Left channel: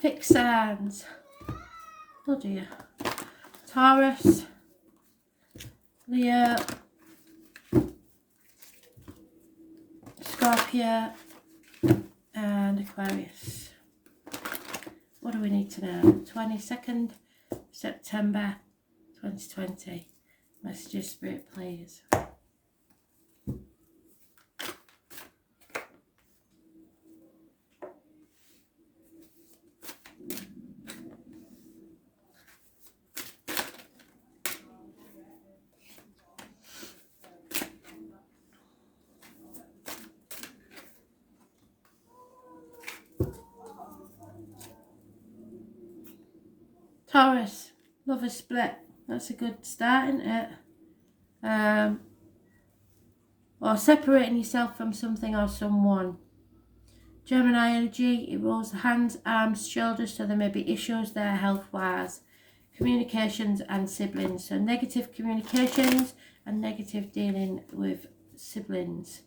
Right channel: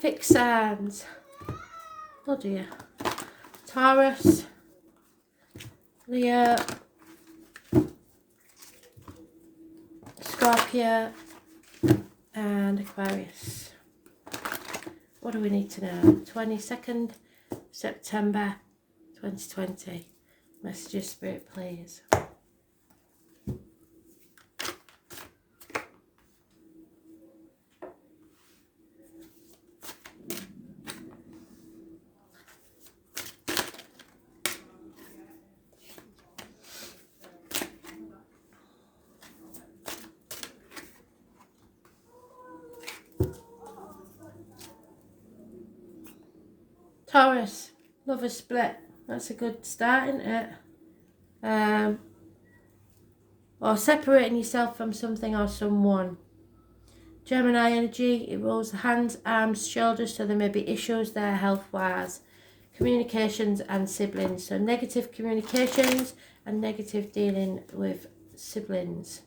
fixed signs. Oh dear. Taurus, Leo, Scorpio and Aquarius. What do we need to know? 22nd September 2020. Messages, Spirit, please. Taurus, lover split. That's a good start, isn't it? Or separating yourself from something or someone. Gemini energy, it rolls the hands, arms, shoulders, so there may be issues there health-wise. Communications and siblings. So negative communications and negative dealing with siblings.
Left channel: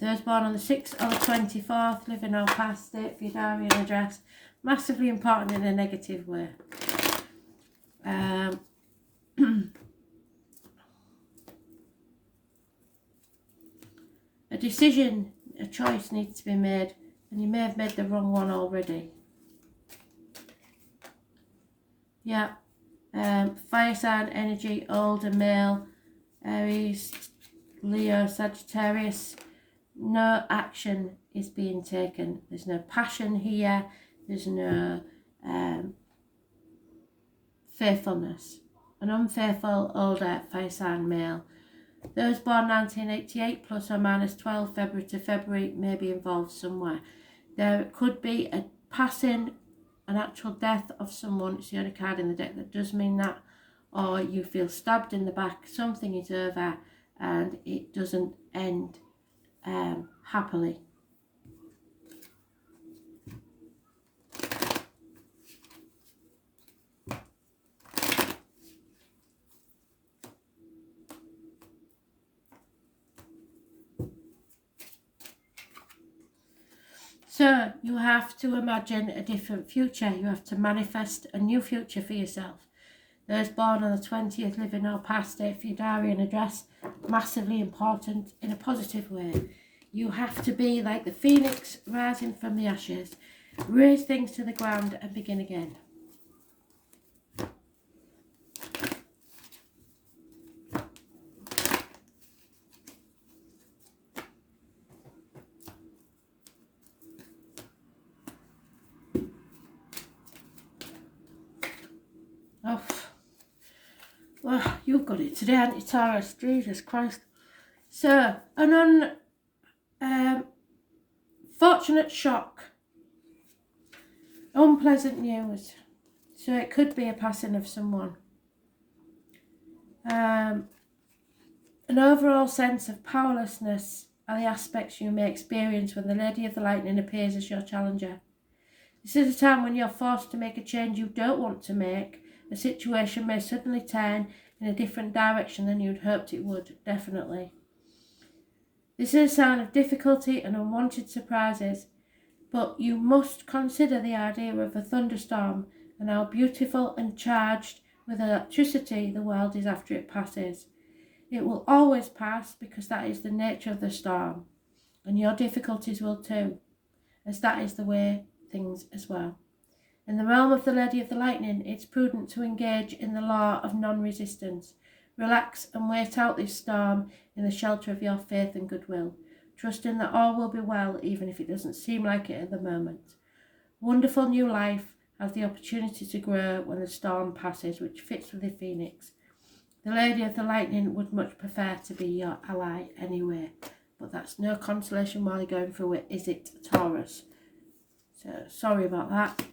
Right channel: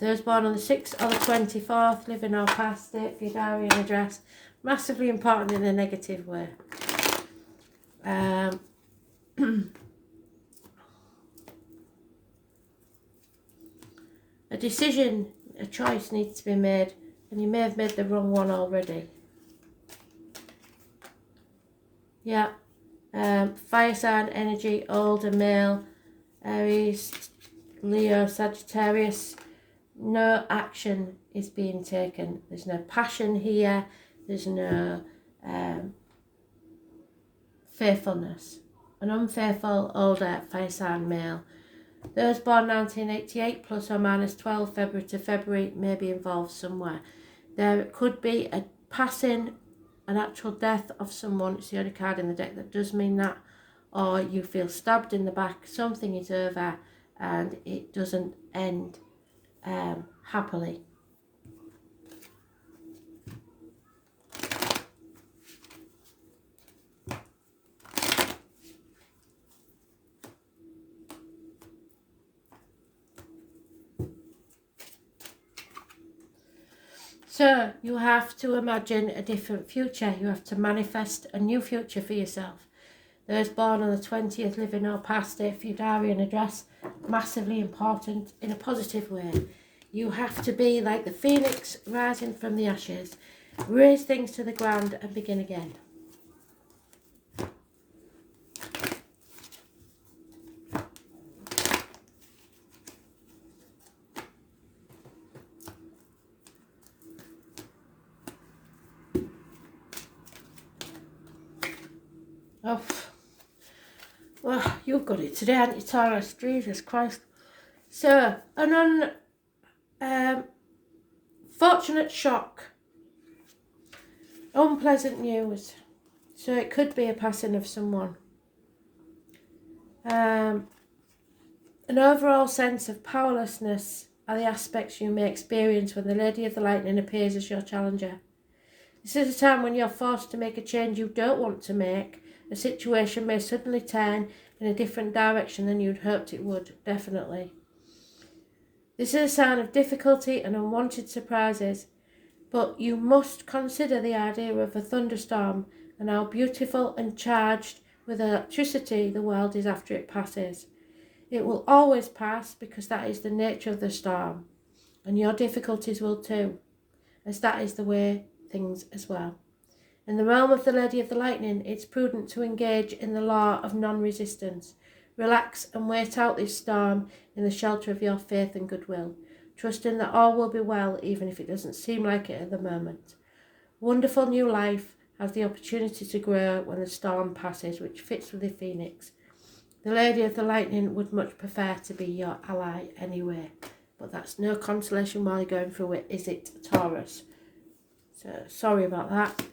Those born on the 6th or the 24th, living or past date for your diary and address. Massively important in a negative way. A decision, a choice needs to be made, and you may have made the wrong one already. Yeah. Fire sign energy, older male, Aries, Leo, Sagittarius. No action is being taken. There's no passion here. There's no faithfulness. An unfaithful older fire sign male. Those born 1988 plus or minus 12 February to February may be involved somewhere. There could be a passing, an actual death of someone. It's the only card in the deck that does mean that. Or you feel stabbed in the back. Something is over and it doesn't end happily. So you have to imagine a different future. You have to manifest a new future for yourself. Those born on the 20th, living or past date for your diary and address, massively important in a positive way. You have to be like the phoenix rising from the ashes, raise things to the ground and begin again. Oh, well, you've got it today, haven't you, Taurus? Jesus Christ. So, an unfortunate shock. Unpleasant news. So it could be a passing of someone. An overall sense of powerlessness are the aspects you may experience when the Lady of the Lightning appears as your challenger. This is a time when you're forced to make a change you don't want to make. A situation may suddenly turn in a different direction than you'd hoped it would, definitely. This is a sign of difficulty and unwanted surprises, but you must consider the idea of a thunderstorm and how beautiful and charged with electricity the world is after it passes. It will always pass because that is the nature of the storm, and your difficulties will too, as that is the way things as well. In the realm of the Lady of the Lightning, it's prudent to engage in the law of non-resistance. Relax and wait out this storm in the shelter of your faith and goodwill, trusting that all will be well even if it doesn't seem like it at the moment. Wonderful new life has the opportunity to grow when the storm passes, which fits with the phoenix. The Lady of the Lightning would much prefer to be your ally anyway, but that's no consolation while you're going through it, is it, Taurus? So, sorry about that.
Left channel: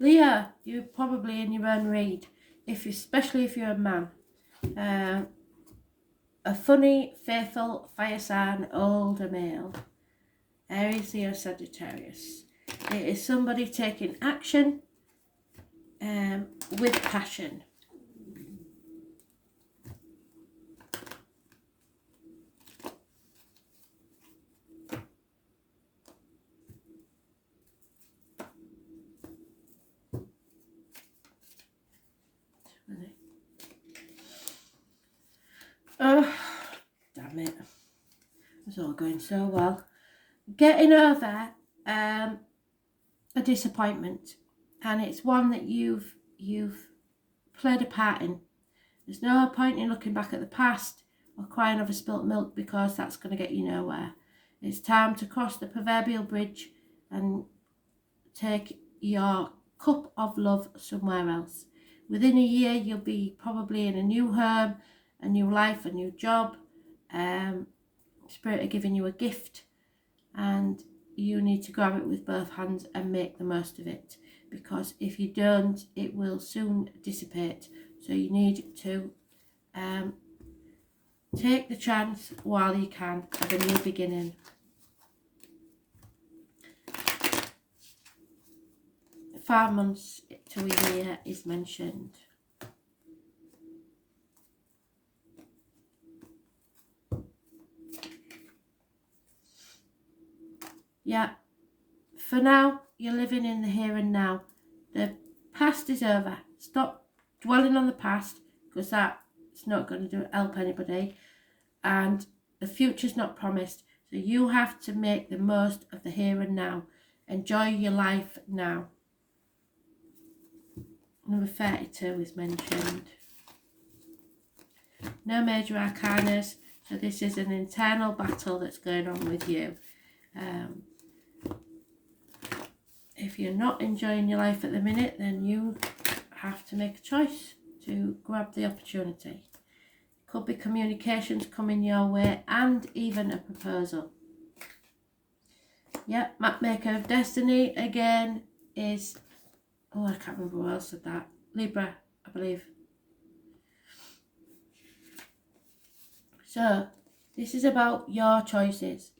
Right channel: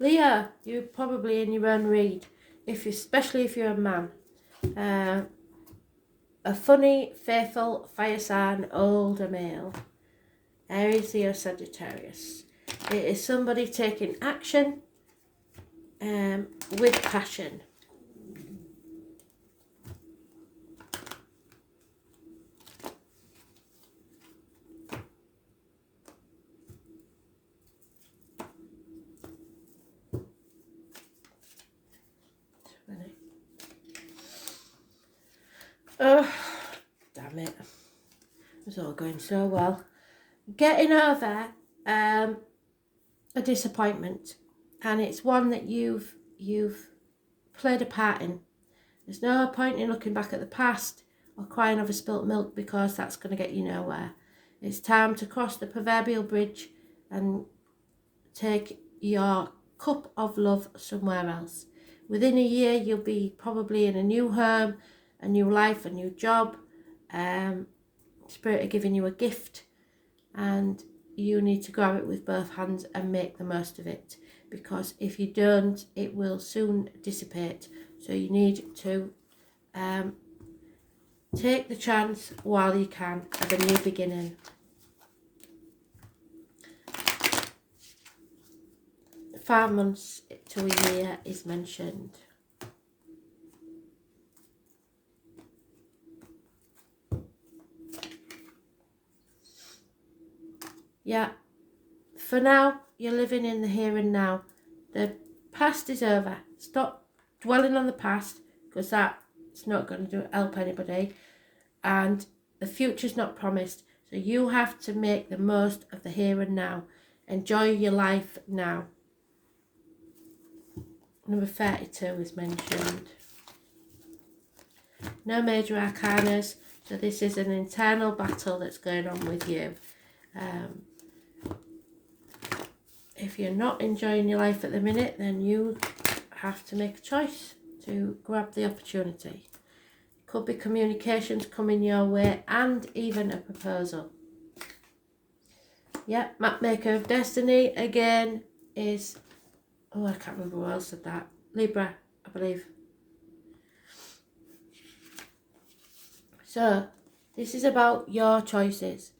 Leo, you're probably in your own read, especially if you're a man. A funny, faithful, fire sign, older male. Aries, Leo, Sagittarius. It is somebody taking action with passion. Oh, damn it. It was all going so well. Getting over a disappointment, and it's one that you've played a part in. There's no point in looking back at the past or crying over spilt milk, because that's going to get you nowhere. It's time to cross the proverbial bridge and take your cup of love somewhere else. Within a year, you'll be probably in a new home, a new life, a new job. Spirit are giving you a gift, and you need to grab it with both hands and make the most of it, because if you don't, it will soon dissipate. So you need to take the chance while you can of a new beginning. 5 months to a year is mentioned. Yeah, for now, you're living in the here and now. The past is over. Stop dwelling on the past, because that's not going to help anybody. And the future's not promised. So you have to make the most of the here and now. Enjoy your life now. Number 32 is mentioned. No major arcanas. So this is an internal battle that's going on with you. If you're not enjoying your life at the minute, then you have to make a choice to grab the opportunity. Could be communications coming your way, and even a proposal. Yeah, Mapmaker of Destiny again is, oh, I can't remember who else said that. Libra, I believe. So this is about your choices,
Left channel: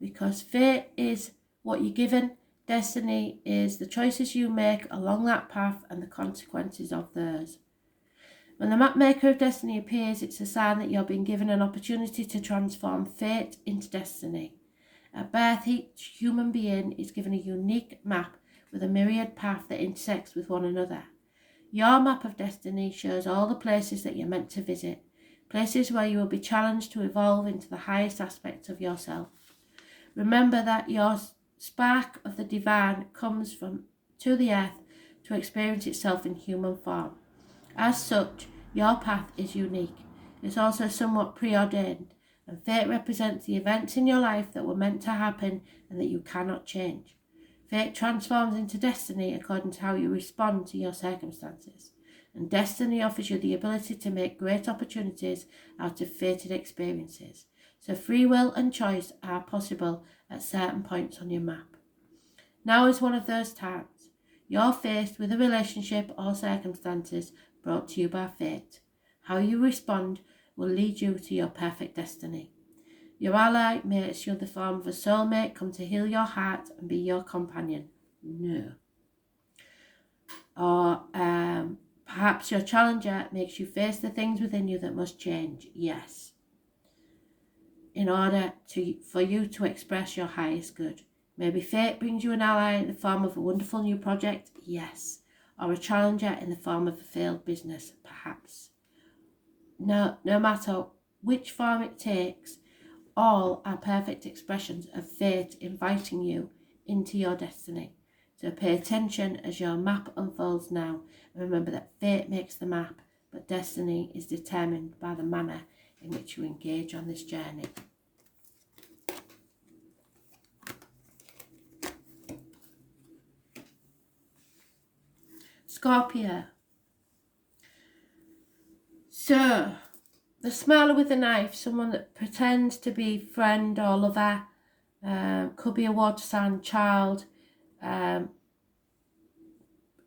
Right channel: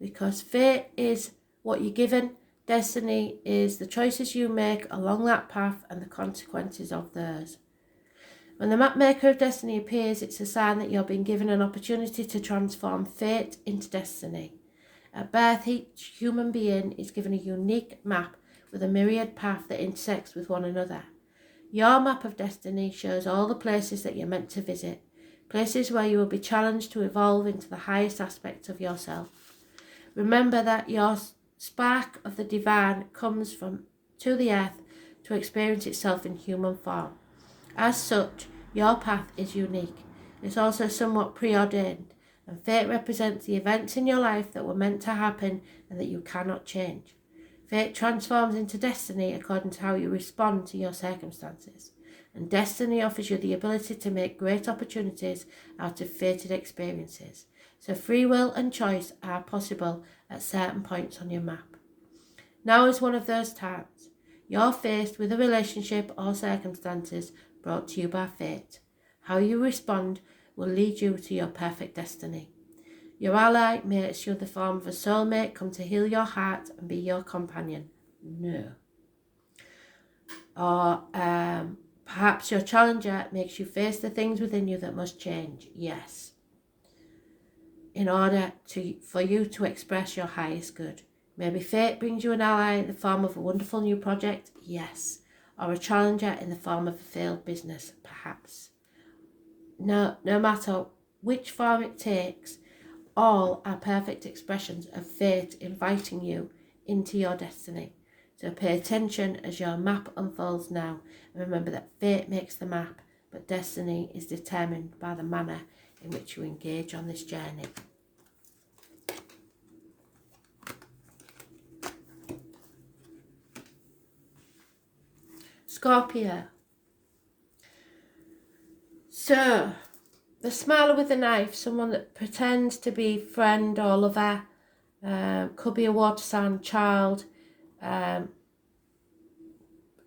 because fate is what you're given. Destiny is the choices you make along that path and the consequences of those. When the Mapmaker of Destiny appears, it's a sign that you're being given an opportunity to transform fate into destiny. At birth, each human being is given a unique map with a myriad path that intersects with one another. Your map of destiny shows all the places that you're meant to visit, places where you will be challenged to evolve into the highest aspects of yourself. Remember that your spark of the divine comes to the earth to experience itself in human form. As such, your path is unique. It's also somewhat preordained, and fate represents the events in your life that were meant to happen and that you cannot change. Fate transforms into destiny according to how you respond to your circumstances, and destiny offers you the ability to make great opportunities out of fated experiences. So free will and choice are possible at certain points on your map. Now is one of those times. You're faced with a relationship or circumstances brought to you by fate. How you respond will lead you to your perfect destiny. Your ally may assume the form of a soulmate, come to heal your heart and be your companion. No. Or perhaps your challenger makes you face the things within you that must change. Yes. In order for you to express your highest good. Maybe fate brings you an ally in the form of a wonderful new project. Yes. Or a challenger in the form of a failed business. Perhaps. No matter which form it takes, all are perfect expressions of fate inviting you into your destiny. So pay attention as your map unfolds now, and remember that fate makes the map, but destiny is determined by the manner in which you engage on this journey. Scorpio. So, the smiler with the knife, someone that pretends to be friend or lover, could be a water sign child,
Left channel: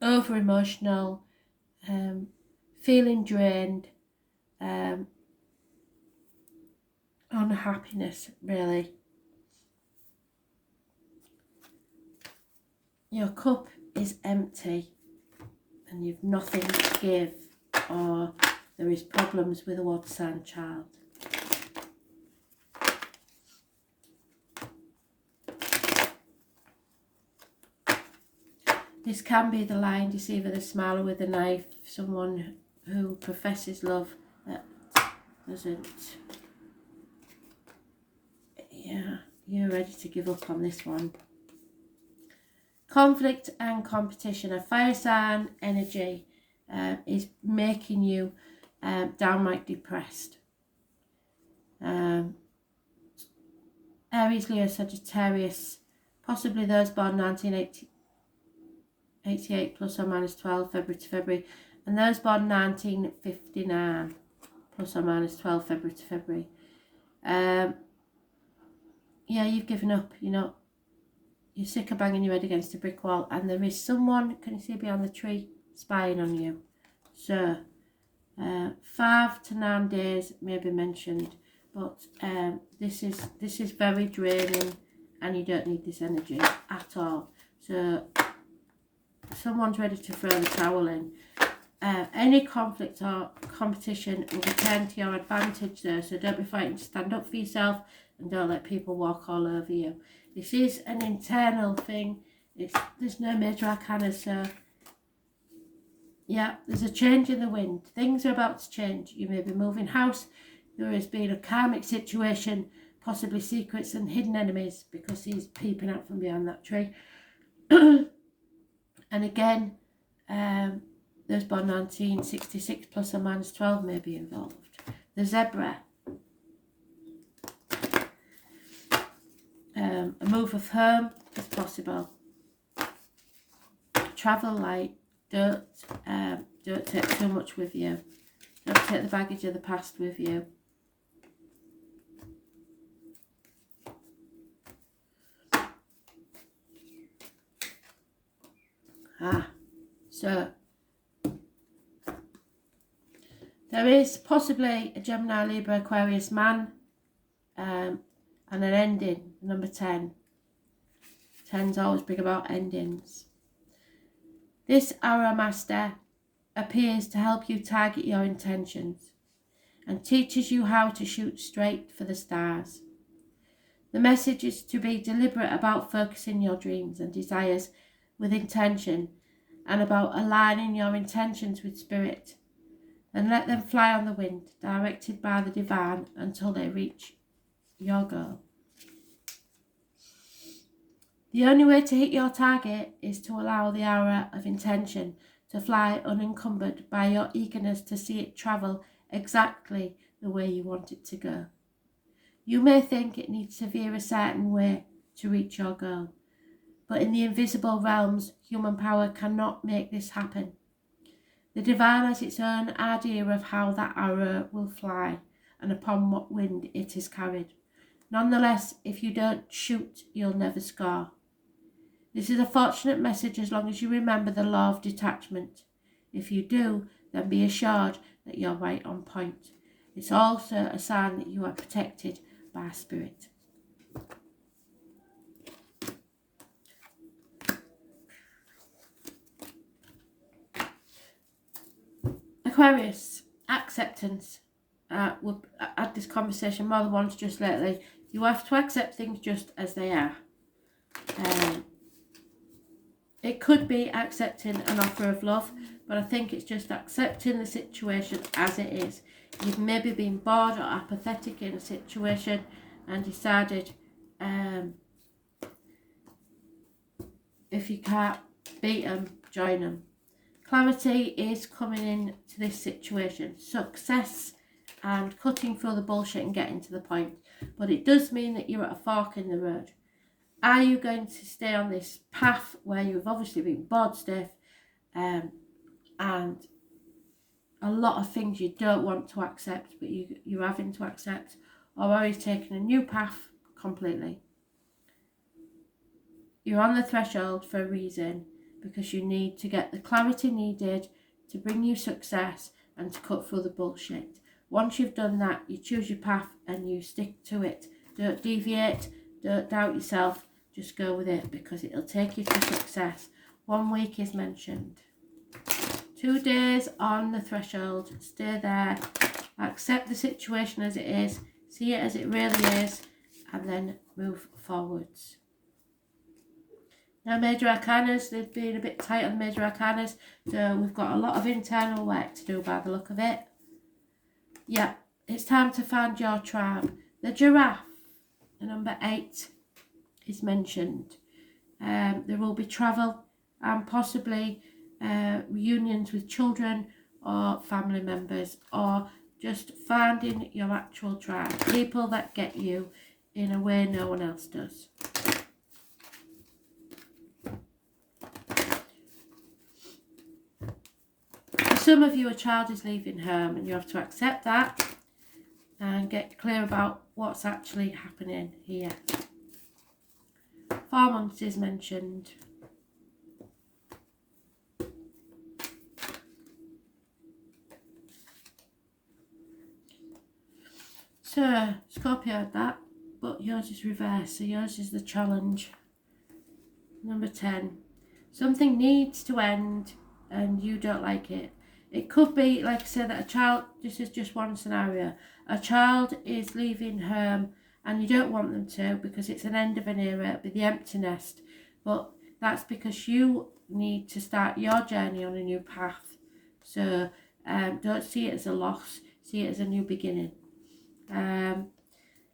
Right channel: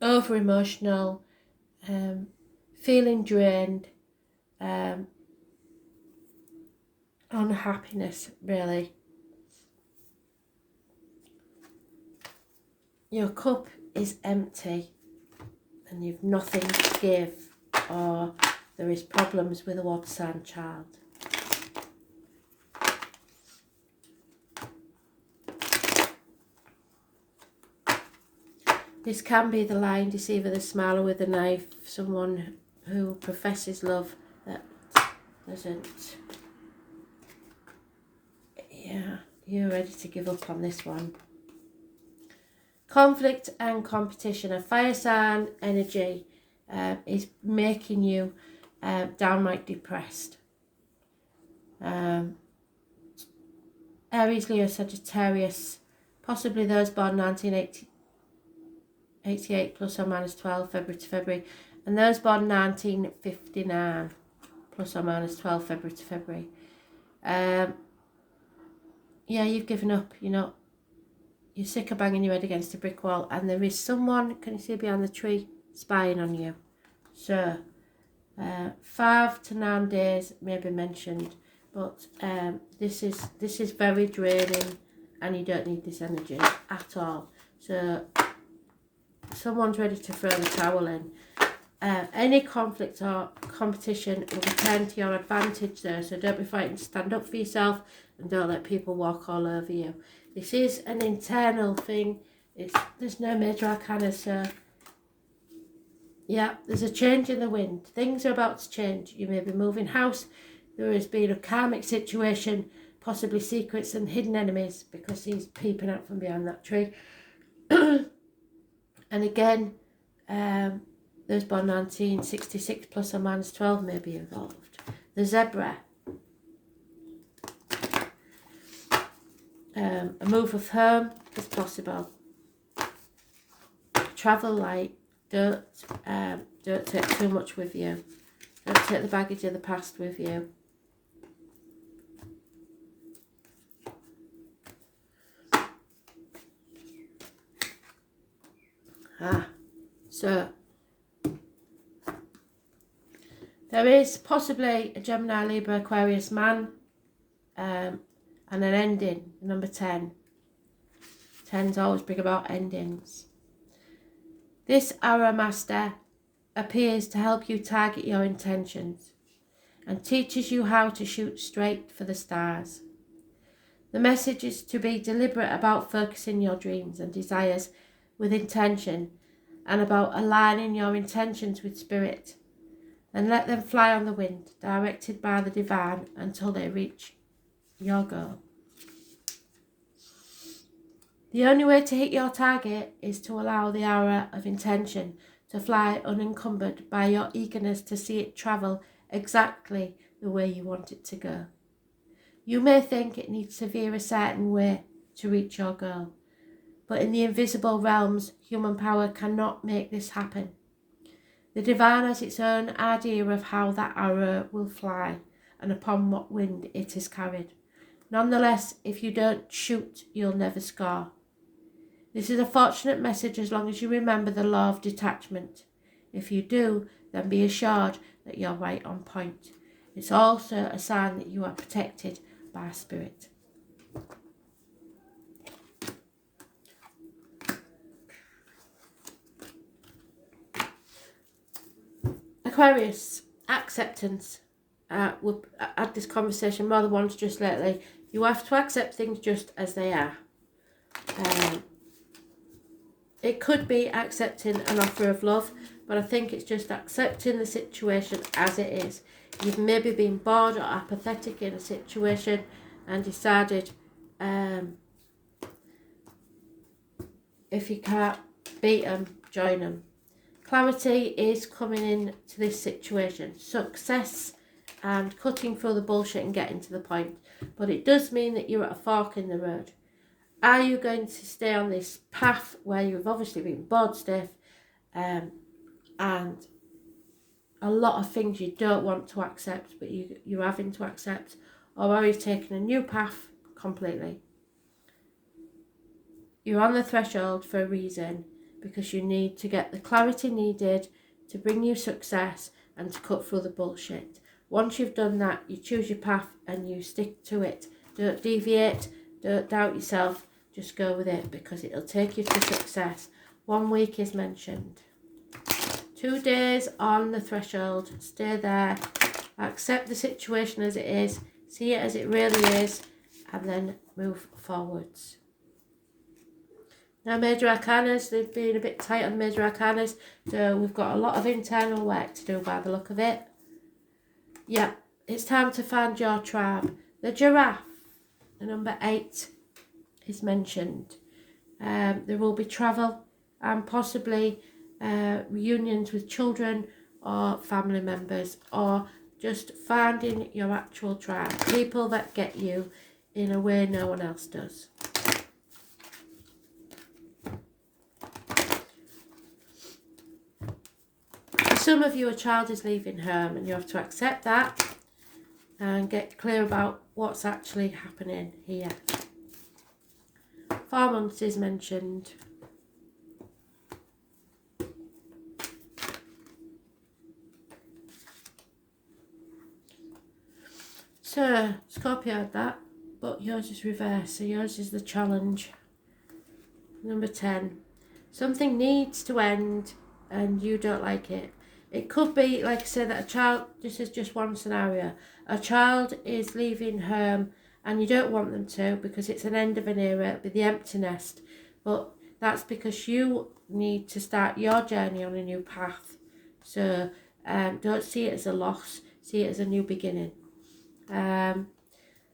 over emotional, feeling drained, unhappiness really. Your cup is empty and you've nothing to give, or there is problems with a water sign child. This can be the lying deceiver, the smiler with a knife, someone who professes love that doesn't. Yeah, you're ready to give up on this one. Conflict and competition. A fire sign energy is making you downright depressed. Aries, Leo, Sagittarius, possibly those born 1988 plus or minus 12 February to February, and those born 1959 plus or minus 12 February to February. Yeah, you've given up. You're sick of banging your head against a brick wall, and there is someone, can you see behind the tree, spying on you. So 5 to 9 days may be mentioned, but this is very draining, and you don't need this energy at all. So someone's ready to throw the towel in. Any conflict or competition will turn to your advantage there, so don't be frightened to stand up for yourself and don't let people walk all over you. This is an internal thing. There's no major arcana, so yeah, there's a change in the wind. Things are about to change. You may be moving house. There has been a karmic situation, possibly secrets and hidden enemies, because he's peeping out from behind that tree. And again, those born 1966 plus or minus 12 may be involved. The zebra. A move of home is possible. Travel light. Don't take too much with you. Don't take the baggage of the past with you. So there is possibly a Gemini, Libra, Aquarius man, and an ending, number 10. 10s always bring about endings. This Aura Master appears to help you target your intentions and teaches you how to shoot straight for the stars. The message is to be deliberate about focusing your dreams and desires with intention, and about aligning your intentions with spirit, and let them fly on the wind, directed by the divine until they reach your goal. The only way to hit your target is to allow the aura of intention to fly unencumbered by your eagerness to see it travel exactly the way you want it to go. You may think it needs to veer a certain way to reach your goal, but in the invisible realms, human power cannot make this happen. The divine has its own idea of how that arrow will fly and upon what wind it is carried. Nonetheless, if you don't shoot, you'll never score. This is a fortunate message as long as you remember the law of detachment. If you do, then be assured that you're right on point. It's also a sign that you are protected by spirit. Aquarius, acceptance. We've had this conversation more than once just lately. You have to accept things just as they are. It could be accepting an offer of love, but I think it's just accepting the situation as it is. You've maybe been bored or apathetic in a situation and decided if you can't beat them, join them. Clarity is coming in to this situation. Success and cutting through the bullshit and getting to the point. But it does mean that you're at a fork in the road. Are you going to stay on this path where you've obviously been bored stiff and a lot of things you don't want to accept but you're having to accept, or are you taking a new path completely? You're on the threshold for a reason, because you need to get the clarity needed to bring you success and to cut through the bullshit. Once you've done that, you choose your path and you stick to it. Don't deviate, don't doubt yourself, just go with it, because it'll take you to success. 1 week is mentioned. 2 days on the threshold, stay there, accept the situation as it is, see it as it really is, and then move forwards. Now, major arcanas, they've been a bit tight on the major arcanas, so we've got a lot of internal work to do by the look of it. Yeah, it's time to find your tribe. The giraffe, the number 8, is mentioned. There will be travel and possibly reunions with children or family members, or just finding your actual tribe, people that get you in a way no one else does. For some of you, a child is leaving home and you have to accept that and get clear about what's actually happening here. 4 months is mentioned. So, Scorpio had that, but yours is reversed, so yours is the challenge. Number 10. Something needs to end and you don't like it. It could be, like I said, that a child, this is just one scenario, a child is leaving home and you don't want them to because it's an end of an era, it'd be the empty nest. But that's because you need to start your journey on a new path. So don't see it as a loss, see it as a new beginning.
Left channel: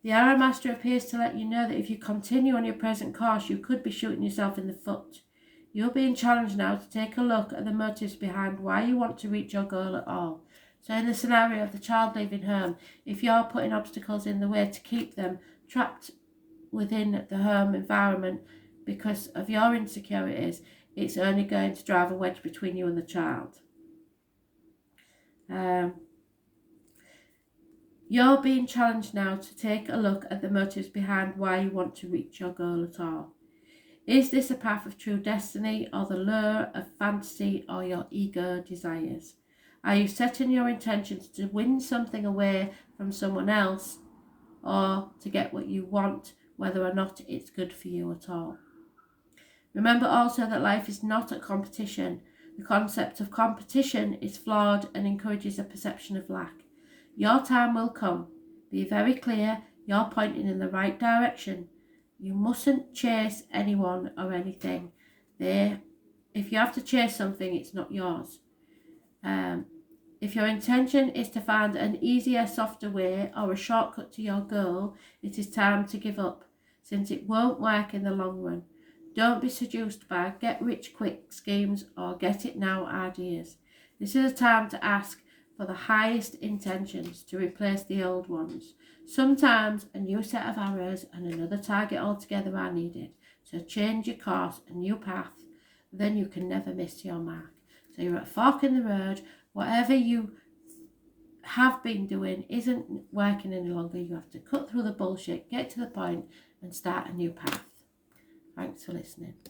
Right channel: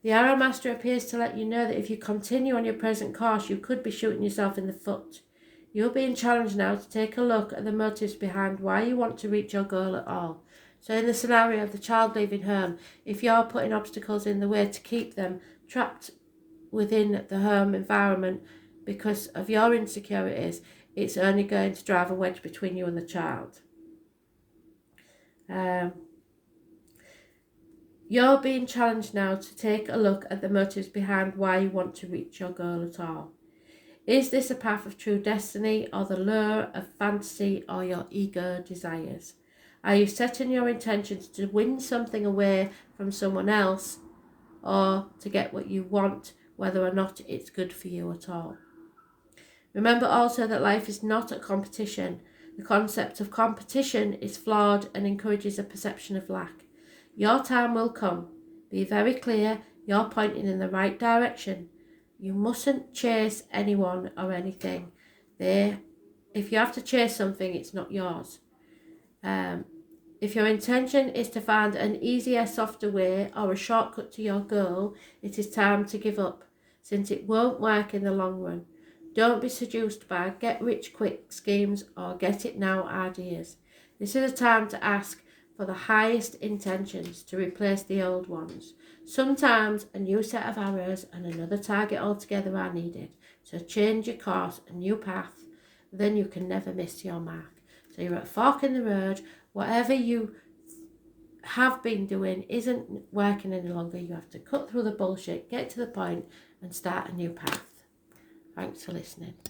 The Arrow Master appears to let you know that if you continue on your present course, you could be shooting yourself in the foot. You're being challenged now to take a look at the motives behind why you want to reach your goal at all. So in the scenario of the child leaving home, if you're putting obstacles in the way to keep them trapped within the home environment because of your insecurities, it's only going to drive a wedge between you and the child. You're being challenged now to take a look at the motives behind why you want to reach your goal at all. Is this a path of true destiny or the lure of fantasy or your ego desires? Are you setting your intentions to win something away from someone else or to get what you want, whether or not it's good for you at all? Remember also that life is not a competition. The concept of competition is flawed and encourages a perception of lack. Your time will come. Be very clear, you're pointing in the right direction. You mustn't chase anyone or anything. If you have to chase something, it's not yours. If your intention is to find an easier, softer way or a shortcut to your goal, it is time to give up, since it won't work in the long run. Don't be seduced by get-rich-quick schemes or get-it-now ideas. This is a time to ask for the highest intentions to replace the old ones. Sometimes a new set of arrows and another target altogether are needed. So change your course, a new path, then you can never miss your mark. So you're at a fork in the road. Whatever you have been doing isn't working any longer. You have to cut through the bullshit, get to the point and start a new path. Thanks for listening.